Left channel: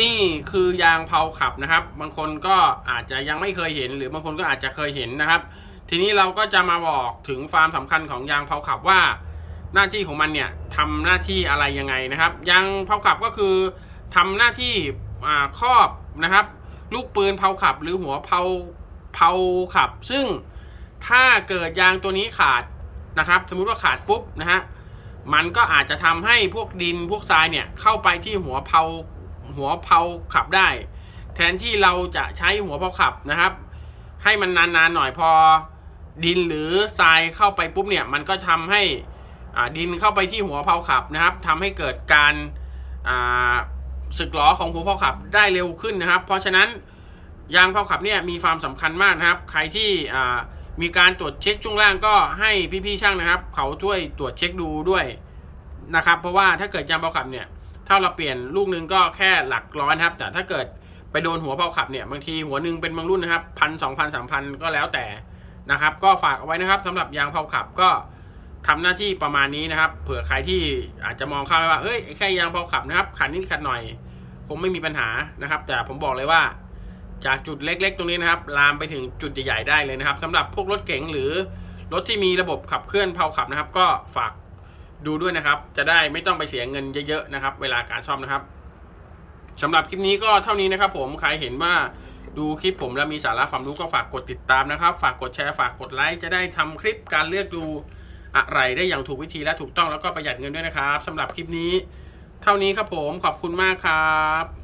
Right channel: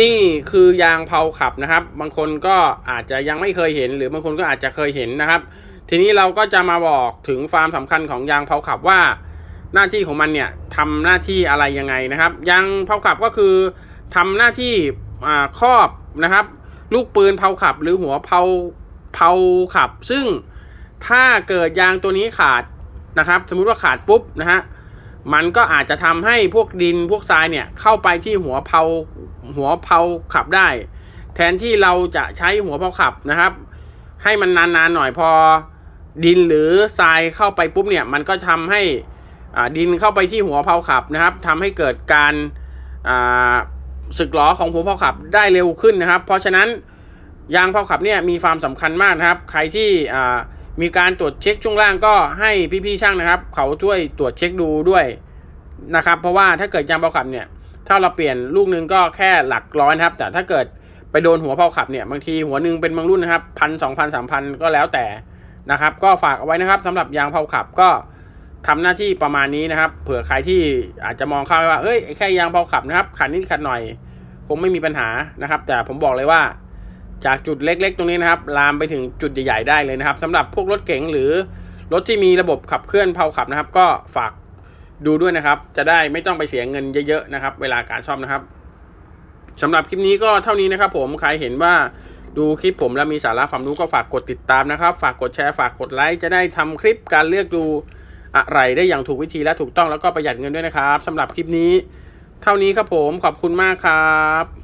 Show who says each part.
Speaker 1: นี่คือยางเผาขับนะครับ บางคนก็อาจจะยังไม่เคยเห็น หรือบางคนก็อาจจะเคยเห็นนะครับ ทีนี้เราก็จะมาบอกถึงความสำคัญของยางเผาขับว่า หน้าที่ของมันเนี่ยทำหน้าที่อะไรยังไงนะครับ ยางเผาขับก็คือทำหน้าที่ครอบนะครับ ลูกปืนเผาขับ หรือหัวเผาเผาขับ ซึ่งถ้าเกิดยางตัวนี้ขาดนะครับ สมมุติว่าขาดปุ๊บนะฮะ มันก็อาจจะทำให้พวกดินพวกทรายเนี่ยเข้าไปที่หัวเผาหัวเผาขับได้ แทนที่เราจะใช้หัวเผาขับนะครับ ให้มันนานๆหน่อยพอดินหรือทรายเข้าไปปุ๊บเนี่ยมันก็ทำให้ดินเข้าไปที่หัวเผาขับนะครับทำให้เกิดการสึกหรอของหัวเผาขับได้เร็วขึ้นนะครับ เพราะฉะนั้นยางเผาขับเนี่ยมีความสำคัญมากนะครับ ใครที่ มีการตรวจเช็คช่วงล่างก็ให้พี่ๆช่างนะครับ เขาช่วยตรวจเช็คดูด้วยนะครับ เพราะว่าถ้าเกิดยางเผาขับเนี่ยถ้าเราเปลี่ยนลูกนึงก็แค่หลักร้อยนะครับ แต่ถ้าเกิดไปโดนหัวเผาขับเนี่ยบางทีหัวหนึ่งเป็นบางรุ่นนะครับพันสองพันสามพันก็แล้วแต่นะครับ ก็ฝากเอาไว้นะครับสำหรับยางเผาขับก็ทำหน้าที่ประมาณนี้นะครับ เผื่อใครที่อาจจะมองเข้าไปว่าเฮ้ยแค่ยางเผาขับนะครับขัดนิดขัดหน่อย คงไม่มีปัญหานะครับ แต่ผมบอกเลยว่า จากจุดเล็กๆ ตรงนี้นะครับ ลามไปถึงจุดใหญ่ๆได้เลยนะครับสำหรับพวกรถเก๋งหรือรถที่มีระบบขับเคลื่อนเผาขับนะครับ ก็ฝากดูด้วยนะครับ จะได้ไม่ต้องไปเสียเงินเยอะๆนะครับ เวลาการซ่อมนะครับสำหรับคลิปนี้ก็เท่านี้นะครับ ผมใครเห็นว่าดูคลิปผมแล้วมีสาระความรู้ก็ฝากกดติดตามนะครับ ฝากกดแชร์ฝากกดไลค์จะได้ทำคลิปการเลือกดูอะไรได้อย่างถูกวิธีและถูกต้องแล้วก็ประหยัดเงินด้วยนะครับสำหรับคลิปนี้ เท่านี้ครับผมขอบคุณมากครับ